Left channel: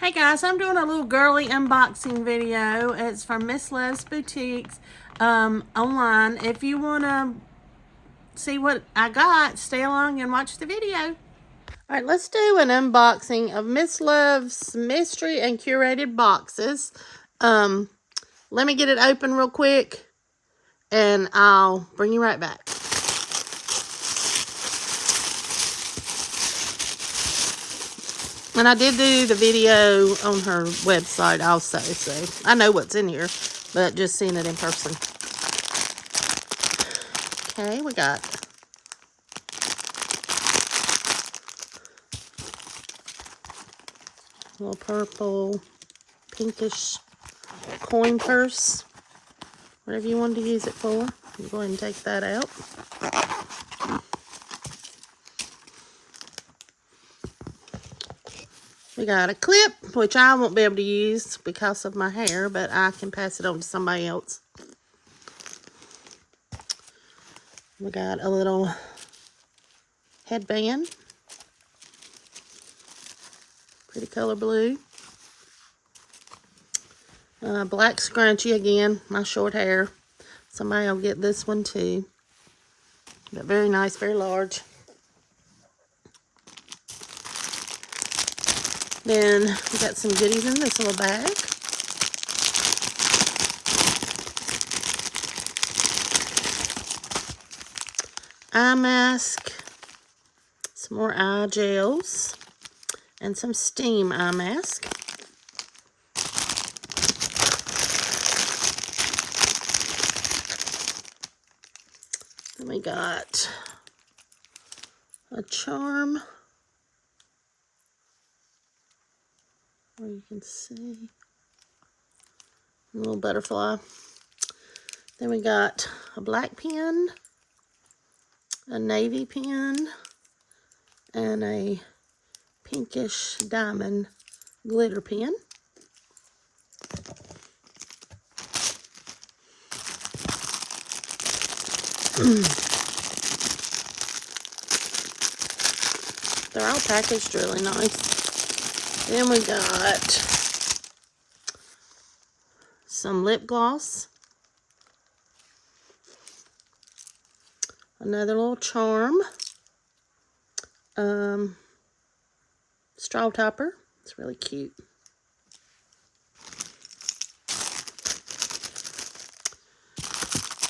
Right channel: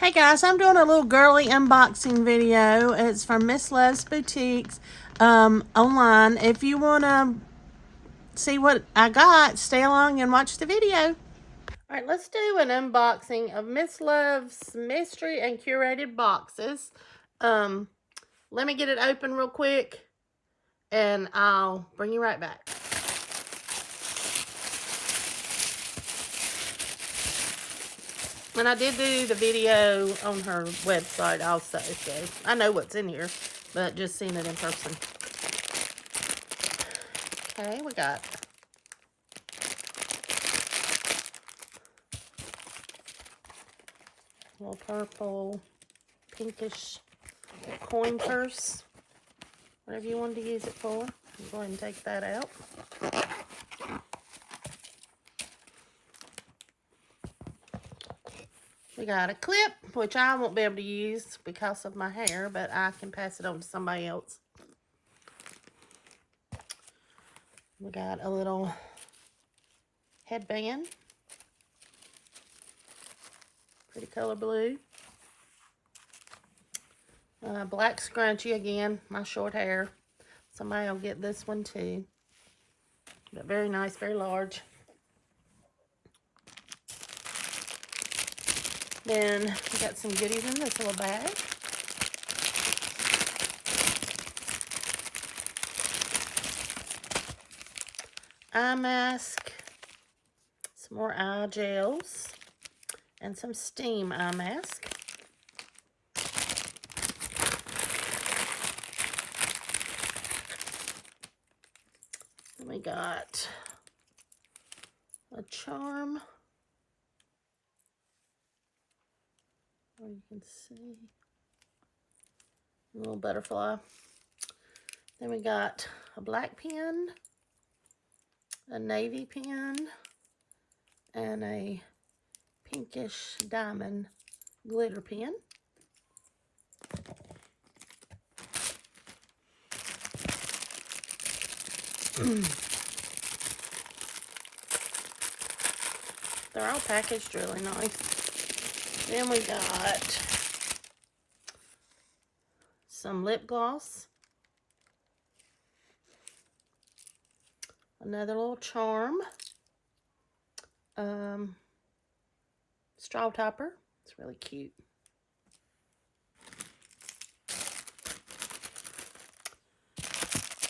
Hey guys, I'm doing a little girly unboxing video. It's from Miss Love's Boutiques online. If you want to see what I got, stay along and watch the video. Alright, let's do an unboxing of Miss Love's mystery and curated boxes. Let me get it open real quick and I'll bring you right back. And I did do the video on her website also, so I know what's in here, but just seeing it in person. Okay, we got a little purple, pinkish coin purse, whatever you wanted to use it for. You go ahead and take that out. We got a clip, which I won't be able to use because of my hair, but I can pass it on to somebody else. We got a little headband, pretty color blue. Black scrunchie again, my short hair. Somebody will get this one too. But very nice, very large. Then we got some goodies in this little bag. Eye mask, some more eye gels, and some steam eye mask. Then we got a charm, where you can see a little butterfly. Then we got a black pen, a navy pen, and a pinkish diamond glitter pen. They're all packaged really nice. Then we got some lip gloss, another little charm, straw topper. It's really cute.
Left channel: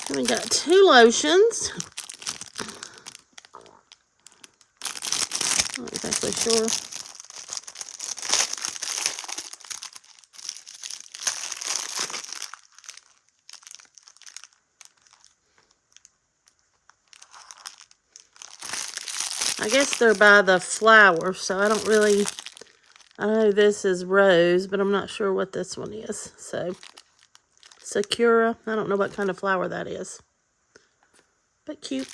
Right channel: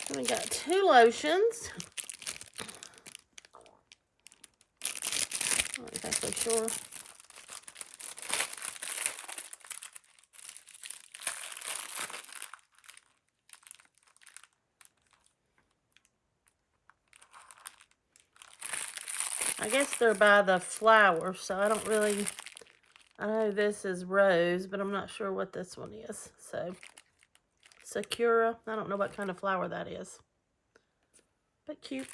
Then we got two lotions. Not exactly sure. I guess they're by the flower, so I don't really, I know this is rose, but I'm not sure what this one is. So, Sakura, I don't know what kind of flower that is, but cute.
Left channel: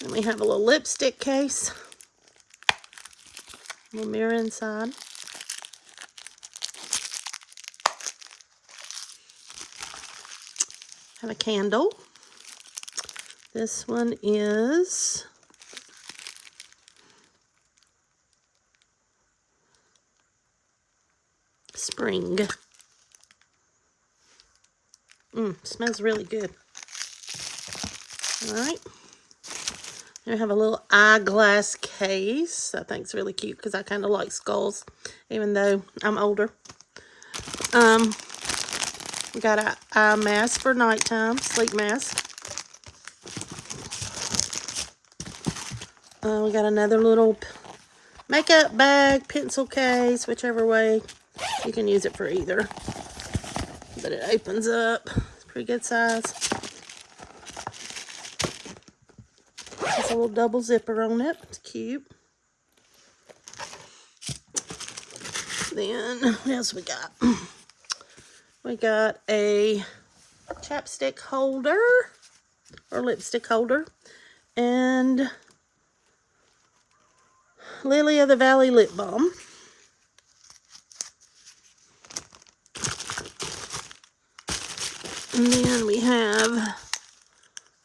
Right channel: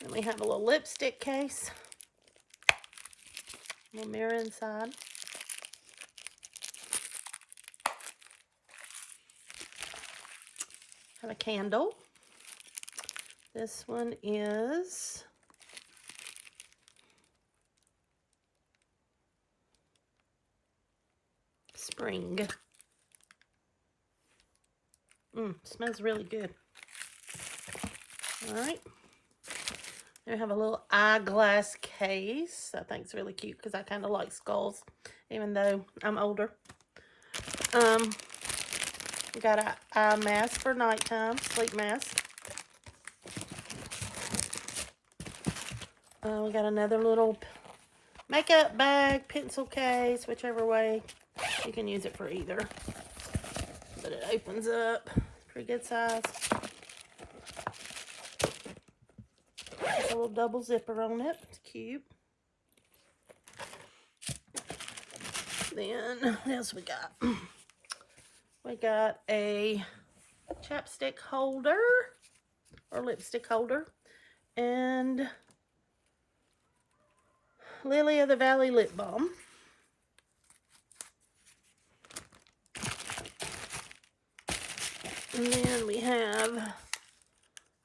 Then we have a little lipstick case, a little mirror inside. Have a candle. This one is spring. Smells really good. All right. Then we have a little eyeglass case. I think it's really cute because I kind of like skulls, even though I'm older. We got an eye mask for nighttime, sleep mask. We got another little makeup bag, pencil case, whichever way. You can use it for either. But it opens up. It's pretty good size. There's a little double zipper on it. It's cute. Then, what else we got? We got a chapstick holder, or lipstick holder, and Lily of the Valley lip balm. And then we have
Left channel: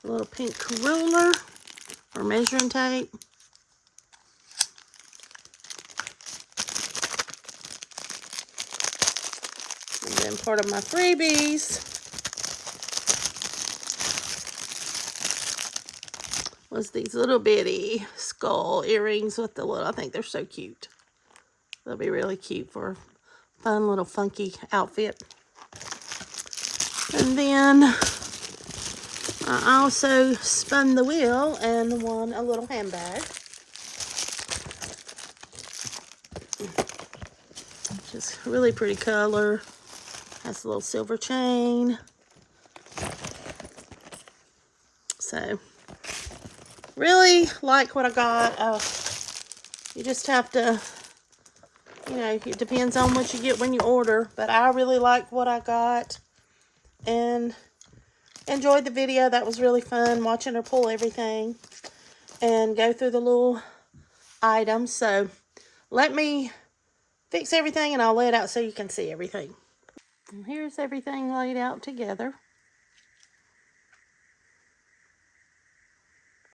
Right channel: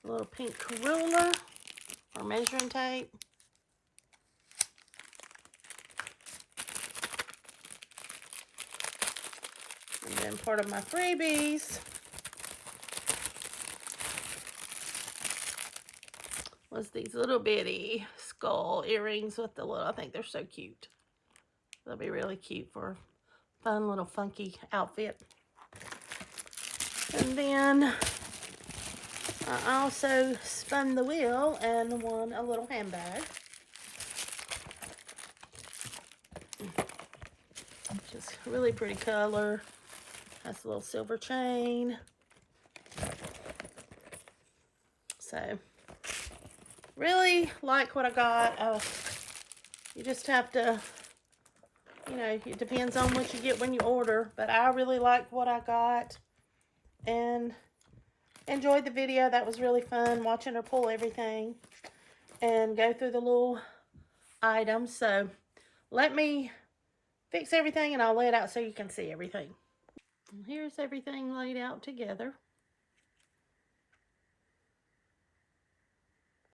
a little pink ruler or measuring tape. And then part of my freebies was these little bitty skull earrings with the little, I think they're so cute. They'll be really cute for a fun little funky outfit. And then I also spun the wheel and won a little handbag. Just really pretty color. Has a little silver chain. So, really like what I got. You just have to, you know, it depends on what you get when you order. But I really like what I got. And enjoyed the video. That was really fun watching her pull everything and go through the little items. So let me fix everything and I'll lay it out so you can see everything. And here's everything laid out together.